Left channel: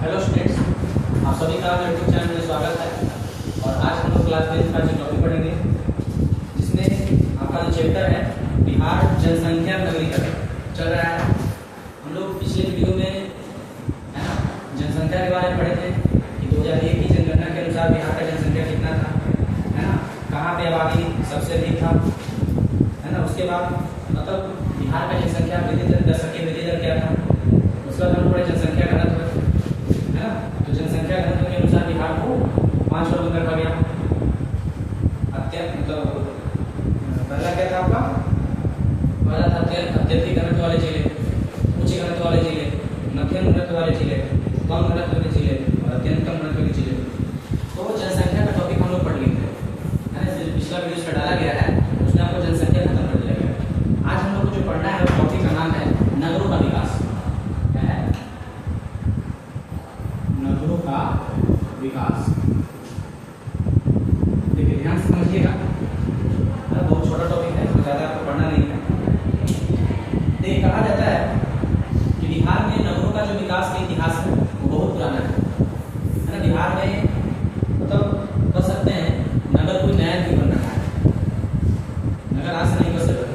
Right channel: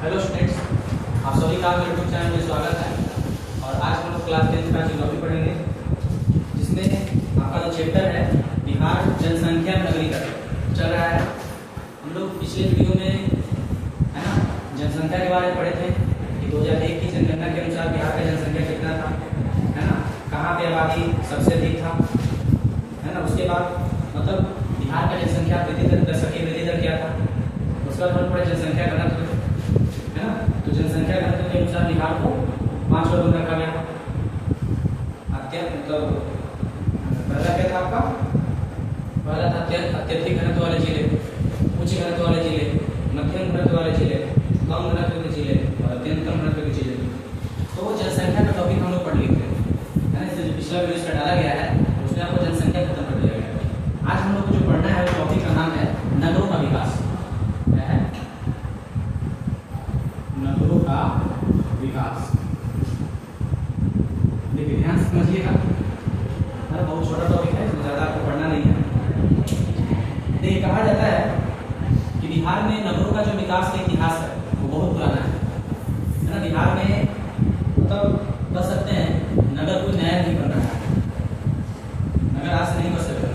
Hello students, आप सभी का यूट्यूब चैनल में स्वागत है। और आज हम लोग क्लास 10 का जो टॉपिक पढ़ेंगे, जिसमें आपका जो चैप्टर है बिहार जनसंख्या नगरीकरण चल रहा है। हम लोग पिछले वीडियो में है ना जनसंख्या के बारे में पढ़े थे कि 2001 की जनगणना के अनुसार बिहार का जनसंख्या कितना था, है ना, कहाँ पे आबादी सबसे अधिक था, है ना। उसके बाद मतलब बिहार का जनसंख्या वृद्धि दर क्या था। उसके बाद हम पढ़े जनसंख्या घनत्व, है ना। तो जनसंख्या घनत्व के अनुसार बिहार को 5 वर्ग में रखा गया। मतलब पहला क्या था आपका, पहला था अत्यधिक घनत्व वाले जिले, उच्च घनत्व वाले जिले, मध्यम घनत्व वाले जिले, कम घनत्व के जिले और अत्यंत कम घनत्व के जिले। तो जनसंख्या का टॉपिक हम लोग पढ़ लेते हैं, है ना। पिछला वीडियो से डाला गया है, उसमें आपको जनसंख्या खत्म कर दिया गया। आज हम लोग को जो पढ़ना है वो टॉपिक का नाम है नगरों का विकास। नगरों का विकास। देखिए ध्यान से समझिएगा, बहुत छोटा टॉपिक है, इसमें ज्यादा आपको पढ़ना नहीं है। देखिए कहा जाता है कि बिहार में नगरों का जो विकास का इतिहास है वो बहुत पुराना है ना। बिहार में मतलब कह सकते हैं नगर कोई नया नहीं बन रहा है, नगर आज से नहीं बन सकता,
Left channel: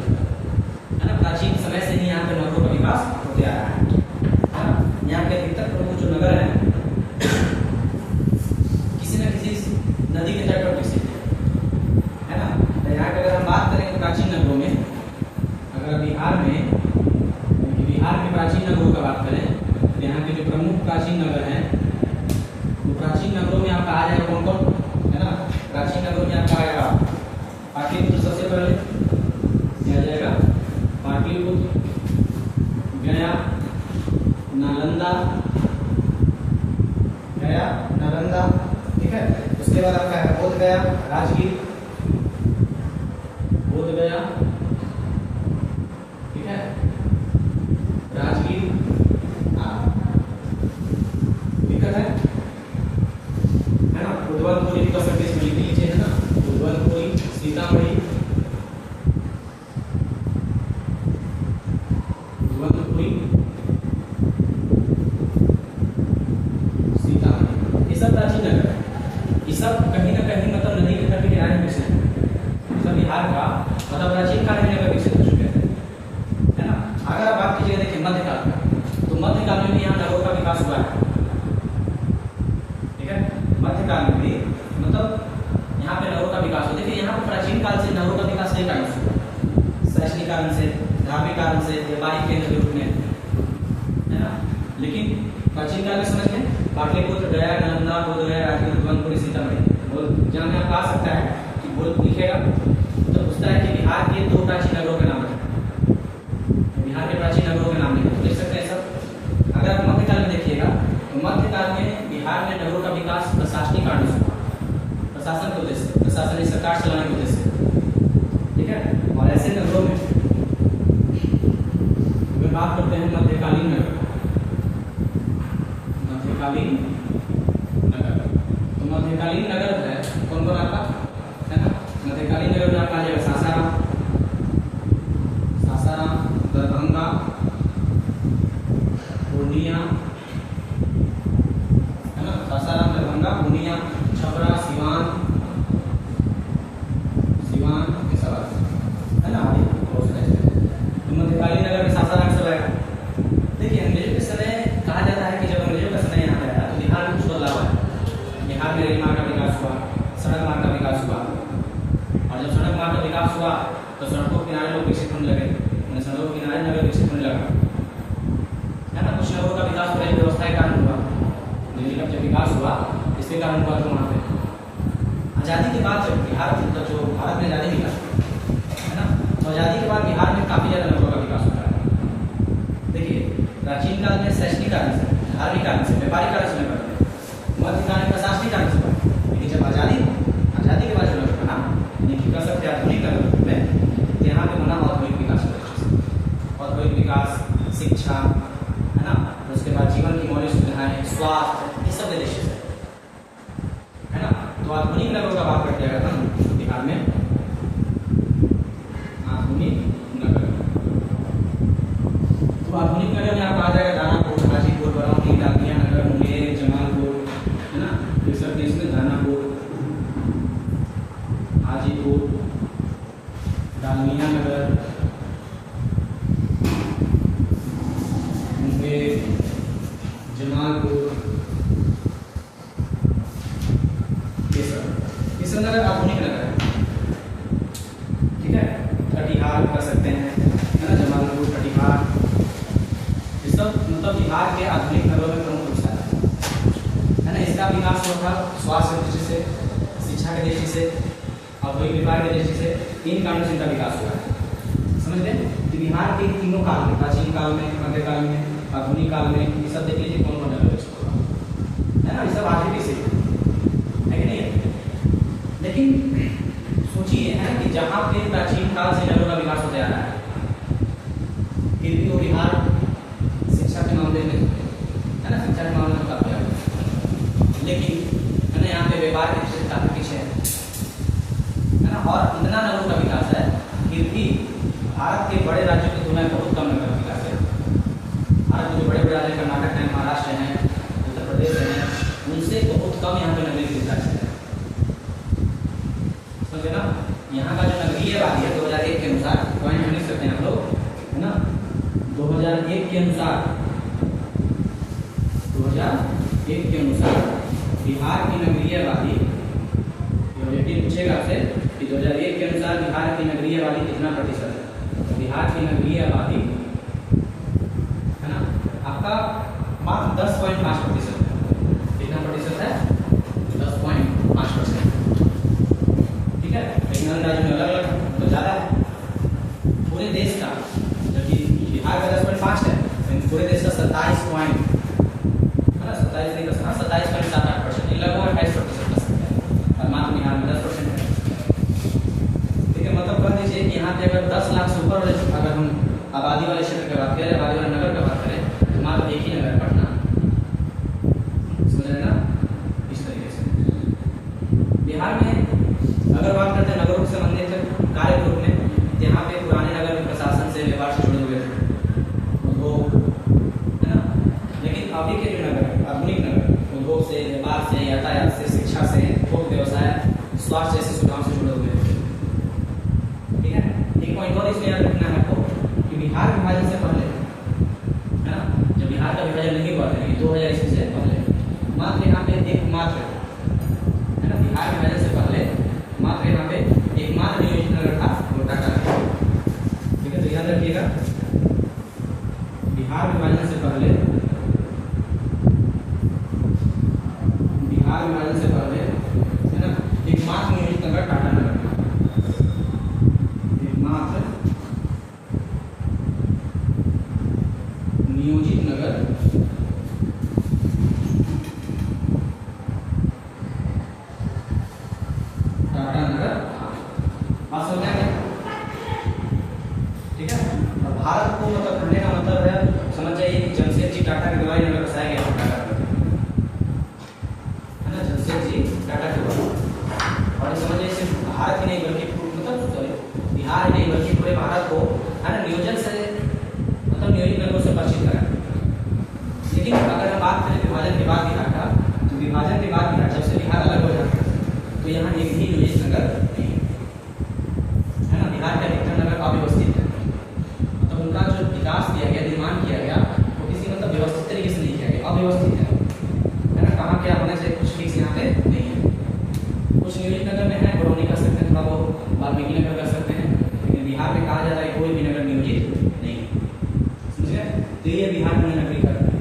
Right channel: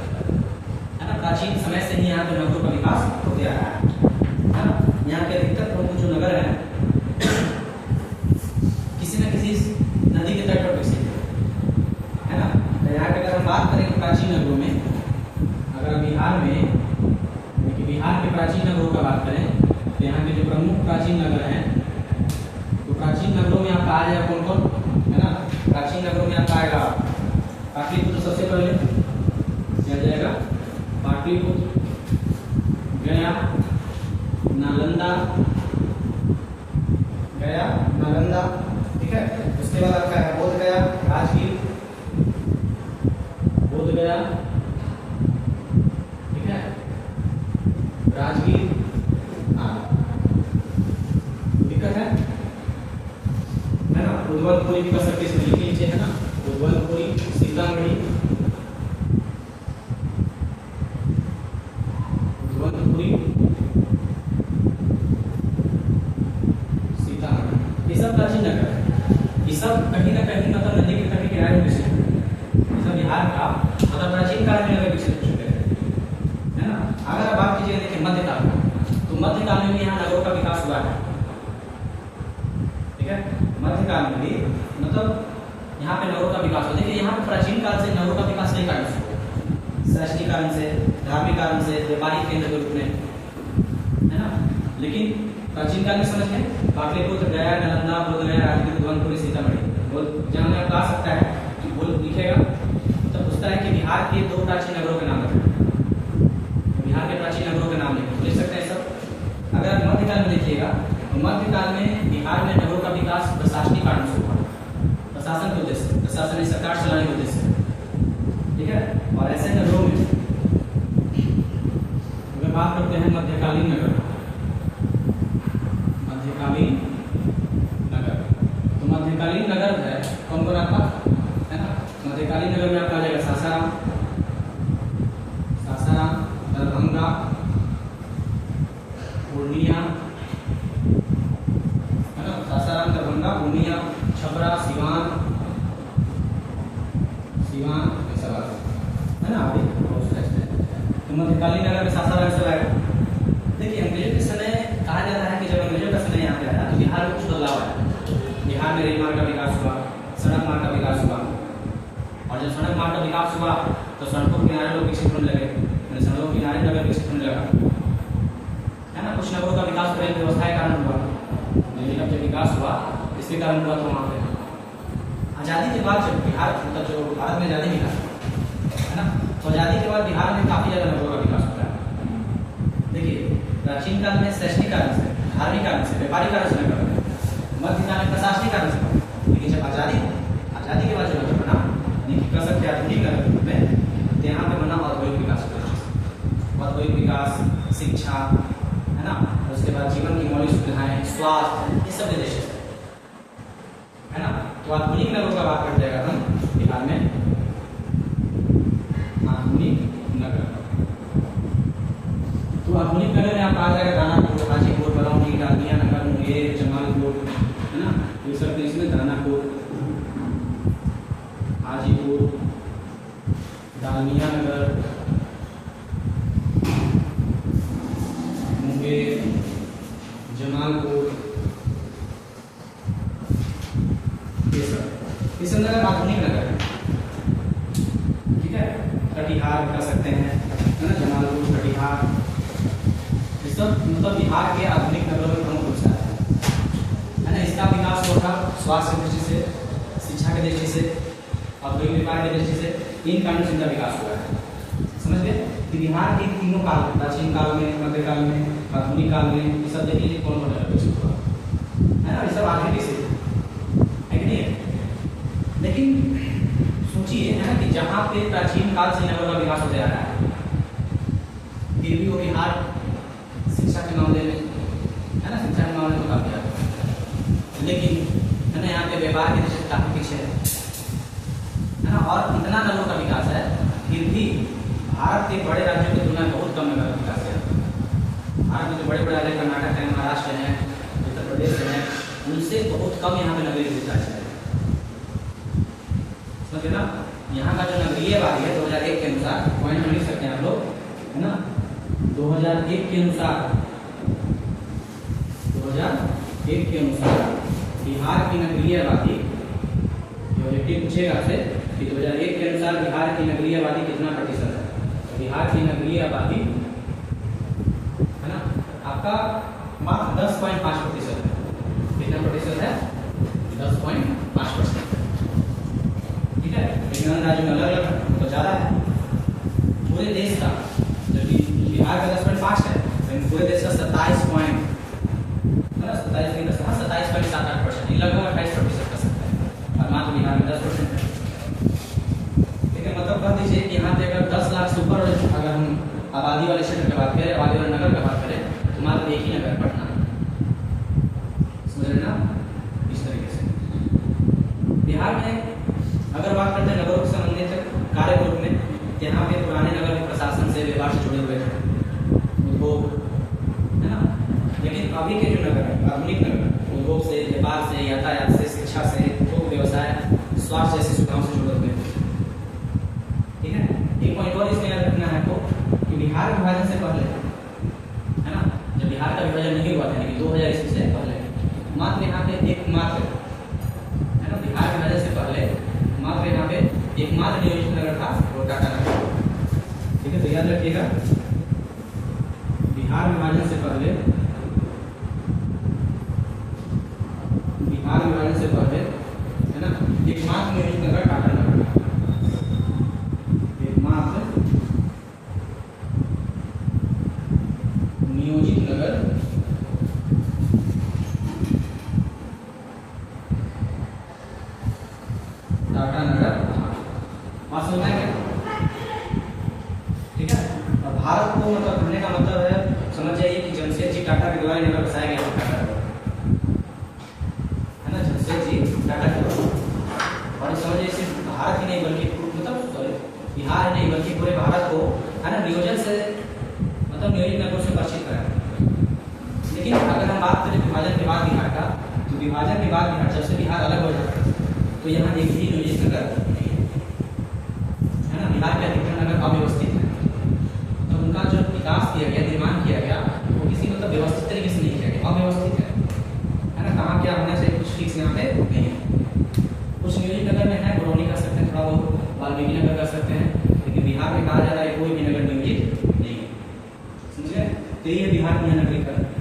है ना। प्राचीन समय से ही यहाँ पे नगरों का विकास होते आ रहा है ना। यहाँ के अधिकतर प्रमुख जो नगर है किसी न किसी नदी के तट पर विकसित है ना। तो यहाँ के अगर हम बात करें प्राचीन नगरों में, अगर बिहार के प्राचीन नगरों का बात करें तो यहाँ के जो प्रमुख प्राचीन नगर हैं, तो प्राचीन नगरों में आपका आ जाएगा कौन कौन, है ना। प्राचीन नगरों में आपका आएगा पाटलिपुत्र, सबसे पहले आ जाएगा पाटलिपुत्र, गया, नालंदा, ठीक है। उसके बाद आपका है बोध गया, राजगीर, बोध गया, ठीक है, राजगीर, दिक्कत है ना। उद्वलपुरी भी कर सकते हैं, इसमें लिख लीजिए, है ना। उद्वलपुरी, सीतामढ़ी, उद्वलपुरी, ये सब प्राचीन नगर है। ये सब कहीं ना कहीं मतलब नदी के तट के किनारे विकसित है। सब बिहार का मतलब प्राचीन काल में विकसित हो चुके हैं, है ना। अगर आप बात कीजिए देखिए मध्यकाल में, तो मध्यकाल में भी यहाँ नगरों का विकास हुआ है, ठीक है। मध्यकाल में भी मतलब यहाँ पे नगरों का विकास हुआ। देखिए यहाँ पे प्राचीन काल से नगरों का विकास कई कारण से हुआ, शैक्षणिक कारण से, धार्मिक कारण से, व्यापारिक केंद्र के रूप में, है ना। लेकिन प्राचीन काल में समझ में पाटलिपुत्र, गया, नालंदा, बोध गया, राजगीर, उद्वलपुरी, सीतामढ़ी। बोल जानना आ सकता है कि बोल लिखेगा तो पूछता है कि बिहार के 2 प्राचीन नगरों के नाम बताएं। बिहार के प्राचीन नगरों के नाम लिख सकते हैं सब। अगर आप मध्यकाल में देखिएगा तो मध्यकाल में बिहार में नगरों का विकास प्रशासनिक कारणों से हुआ, प्रशासन के उद्देश्य, प्रशासनिक सरकार चलाने के उद्देश्य, ठीक है। और ऐसे नगरों में बात करते हैं मध्यकालीन नगर। मध्यकालीन नगर, तो मध्यकालीन नगर है कौन कौन आता है ना। मध्यकालीन नगर में आपका आ जाएगा सासाराम, दरभंगा, पूर्णिया, है ना। सासाराम, दरभंगा, पूर्णिया, छपरा, सिवान, ऐसा है ना। तो मध्यकालीन नगर में सासाराम से आएगा। देखिए अंग्रेजों के समय कहा जाता है कि जब अंग्रेजों का समय यहाँ पे आया तो बिहार में कुछ बदलाव आया। बिहार में रेल मार्ग का विकास हुआ, सड़क मार्ग का विकास हुआ, और जब सड़क मार्ग का विकास हुआ तो सड़कों के किनारे लोग विकसित होने लगे, सड़कों के किनारे नगर विकसित होने लगा, है ना। कुछ नगरों का विकास रेल व्यवस्था के कारण हुआ। रेल का जब विकास हुआ इसके कारण हुआ, तो वहाँ पे आज़ादी के बाद जब बिहार मतलब जो भारत में आज़ादी मिला, है ना, तो आज़ादी के बाद बिहार में काफ़ी ज़्यादा नगरों का विकास हो रहा है। देखिए प्राचीन काल में शैक्षणिक कारण से, धार्मिक कारण से, व्यापारिक कारण से नगर बने, मध्यकाल में प्रशासनिक कारण से बने। लेकिन जब आज़ादी के बाद जो नगर बना, यानी कह सकते हैं आधुनिक नगर में, तो यहाँ पे बना औद्योगिक विकास, औद्योगिक विकास, शिक्षा, है ना। तो उसके बाद जीवन की मौलिक सुविधाएं, स्वास्थ्य, ये सब उद्देश्य से, है ना। तो आधुनिक नगरों का बात करते हैं हम बिहार में, आधुनिक नगर। तो आधुनिक नगर में आप आ जाएगा दानापुर, हाजीपुर, बरौनी, डाकिया नगर, मुंगेर, जमालपुर, ये सब नगर आधुनिक नगर है, ठीक है। कटिहार कर सकते हैं, है ना, जमालपुर, कटिहार, ये सब मतलब बिहार के आधुनिक नगरों में प्रमुख रूप से है ना। इसका विकास हुआ था स्वास्थ्य की दृष्टि से, शिक्षा की दृष्टि से, औद्योगिक व्यापार की दृष्टि से, इन कारणों से इनका विकास हुआ है। समझ गए कि बिहार के तीनों काल में, प्राचीन काल में, मध्यकाल में, आधुनिक काल में, ये सब देख लीजिए कौन कौन है ना, ये सब आधुनिक से है कि नहीं। लेकिन सोचिए है ना कि जहाँ पे प्राचीन काल से नगरों का विकास होता आ रहा है, फिर भी वो बिहार शिक्षा के मामले में, है ना, शिक्षा के मामले में काफी आगे है। लेकिन है ना, यहाँ पे व्यापार की दृष्टि से काफी पीछे है ना। और इतना नगरों का विकास है, फिर भी भारत के बड़े राज्यों की तुलना में बहुत कम नगर का विकास है। भारत में जो बड़े बड़े राज्य कर्नाटक है, महाराष्ट्र है, उत्तर प्रदेश है, उनसे बहुत कम यहाँ पे नगरीय विकास है। समझे ना। यहाँ का जो नगरीय आबादी है 2001 के अनुसार, पॉइंट लिख सकते हैं आप लोग, है ना, 2001 के अनुसार, 2001 के अनुसार बिहार की नगरीय आबादी, पूछेगा आपसे कि 2001 के अनुसार बिहार की नगरीय आबादी कितना प्रतिशत है। तो बिहार की नगरीय आबादी है ना आपका मात्र 10.5% है। कितना प्रतिशत है? 10.5%, ठीक है। लेकिन अन्य राज्यों में अलग अलग तो ज़्यादा है। पूरे देश का, जबकि बिहार का 10.5 है, लेकिन पूरे देश का 27 पॉइंट, है ना, 27 नहीं कर सकता, 27 का भी 7-8%, लगभग 28% कर सकते हैं, और मात्र बिहार में 10% है। ठीक है, मतलब कह दीजिए कि यहाँ पे अगर 10 लाख से ऊपर अगर हम आबादी वाले क्षेत्र की बात करें, आबादी वाले नगर की बात करें, तो मात्र एक ही नगर है, पटना। समझ रहे ना, इस तरीके से बिहार में अगर बात करते हैं नगरों से संबंधित कार्य ग्रुप में, यहाँ पे पुराने नगर प्रशासन से, व्यवहार से जुड़े हुए थे, उद्योग, है ना। लेकिन अभी के जो नगर है, आधुनिक नगर, उद्योग से, व्यापार से, यातायात से, शिक्षा से, उपभोग व्यवसाय, स्वास्थ्य जैसी सुविधाओं से जुड़े हुए थे। ठीक है, एक पॉइंट और इसमें याद रखना है आपको कि बिहार विभाजन से पहले, है ना, जब बिहार का विभाजन नहीं हुआ था, लेकिन 2000 ईस्वी से पहले मात्र यहाँ पे एकमात्र, है ना, बिहार विभाजन से पहले मात्र यहाँ पे एकमात्र नियोजित नगर था, वो टाटा नगर। ठीक है, तो याद रखिएगा, बिहार विभाजन से पहले, बिहार विभाजन से पहले, है ना, एकमात्र नियोजित नगर टाटा नगर, एकमात्र नियोजित नगर टाटा नगर। और समझा क्या? ठीक है, और भारत को मतलब कहने का मतलब है, समझ जाइए कि जमशेदजी टाटा के द्वारा नगर बसाया गया टाटा नगर, है ना, जमशेदजी टाटा के द्वारा। और समझ जाइए सिर्फ भारत ही नहीं बल्कि मतलब सॉरी बिहार नहीं बल्कि पूरे भारत को, है ना, नियोजन से मतलब नियोजित नगरों से परिचित कराया। लेकिन अगर हम बात करें विभाजन के बाद बिहार का, तो विभाजन के बाद बिहार, जब से बिहार अलग हो जाता है, तो यहाँ एक भी नियोजित नगर नहीं है ना। बिहार के अधिकतर नगर अव्यवस्थित है, तो उनका जो विकास किया गया, निर्माण किया गया, वो किसी मतलब व्यवस्थित तरीके से नहीं किया गया, अव्यवस्थित है ना। कहाँ क्या होना चाहिए कुछ ठीक से यहाँ पे नहीं है। कुछ नियोजित नगर में है, बरौनी कर सकते हैं, थोड़ा बहुत वाल्मीकि नगर कर सकते हैं, लेकिन बिहार में कहा जा रहा है कोई भी नगर नियोजित नहीं है। समझे? तो ये बिहार में नगरीकरण है।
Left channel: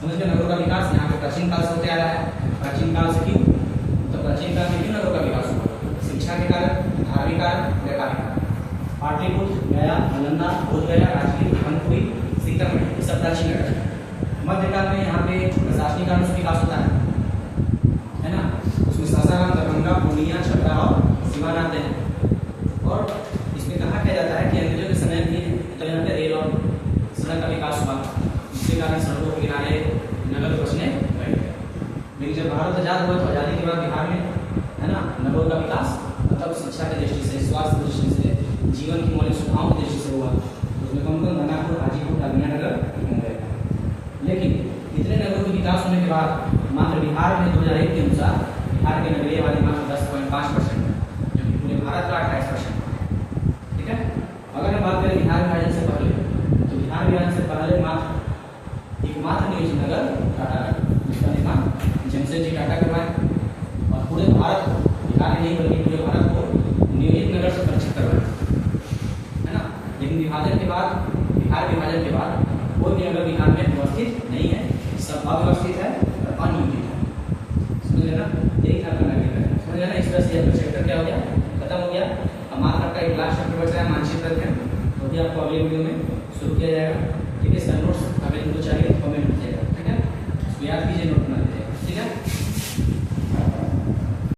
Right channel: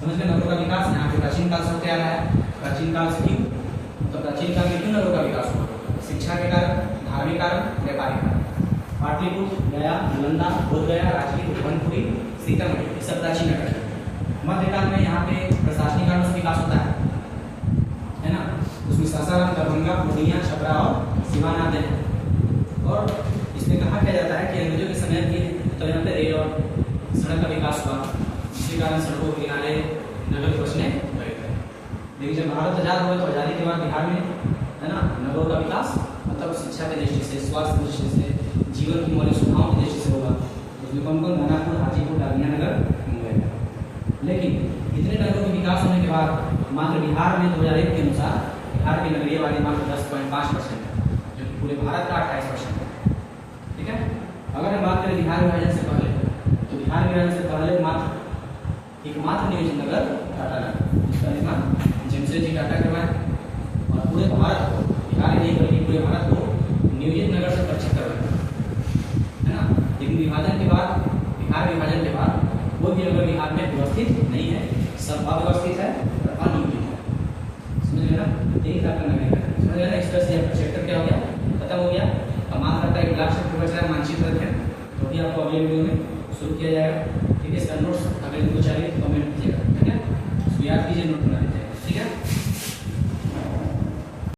समझ गए, नगरों का विकास यहाँ पे प्राचीन काल से होते आ रहा है। प्राचीन काल से क्यों? तो प्राचीन काल में क्यों नगरों का विकास हुआ? शिक्षा के कारण, धार्मिक कारण, व्यापारिक कारण। पाटलिपुत्र, गया, नालंदा, बोधगया, राजगीर, कानपुरी, सीतामढ़ी, ये सब प्राचीन नगर है। मध्यकाल में यहाँ पे प्रशासनिक कारणों से विकास होता है ना। उसमें सासाराम, दरभंगा, पूर्णिया, छपरा और सिवान आते हैं। और इसमें कहा क्या जाता है कि अंग्रेजों के समय भी तो यहाँ पे रेल और सड़क का विकास हुआ, जिसके कारण सड़कों के किनारे नगर बसने लगे। लेकिन जब भारत आजाद हुए, तो आजादी के बाद बिहार में, है ना, नगरों का विकास मतलब शिक्षा की दृष्टि से, स्वास्थ्य की दृष्टि से, जीवन की मौलिक सुविधाओं की दृष्टि से हुआ। उसमें कौन कौन? दानापुर, हाजीपुर, डालमिया नगर, मुंबई। लेकिन इतने नगरों के विकास होने के बाद मात्र बिहार में 2001 के अनुसार बिहार की नगरीय आबादी मात्र 10.5% है, जबकि पूरे भारत का 28% है। ठीक है, अगर हम बात करें बिहार विभाजन से पहले, तो बिहार विभाजन से पहले मात्र एकमात्र नियोजित नगर टाटा नगर, इसका निर्माण जमशेदजी टाटा करवाए और पूरे भारत को, बिहार ही नहीं बल्कि पूरे भारत को नियोजित नगर से परिचित करवाया, है ना। लेकिन विभाजन के बाद, बिहार विभाजन के बाद कोई भी नगर बिहार में व्यवस्थित नहीं है, सब अव्यवस्थित है और अनियोजित है। समझ लेना, यही आपका नगर है। समझ लेना, इस तरह से आपका सेक्टर क्या हो गया, खत्म हो गया। अब मात्र आपका एक लास्ट सेक्टर बचा है मानचित्र अध्ययन, तो भी आपको अगले वीडियो में शुरू किया जाएगा। ठीक है, इसका नोट्स अगले दिन को चाहिए कमेंट कीजिएगा, ठीक है, याद कीजिए, नोट बना लीजिए, ठीक है।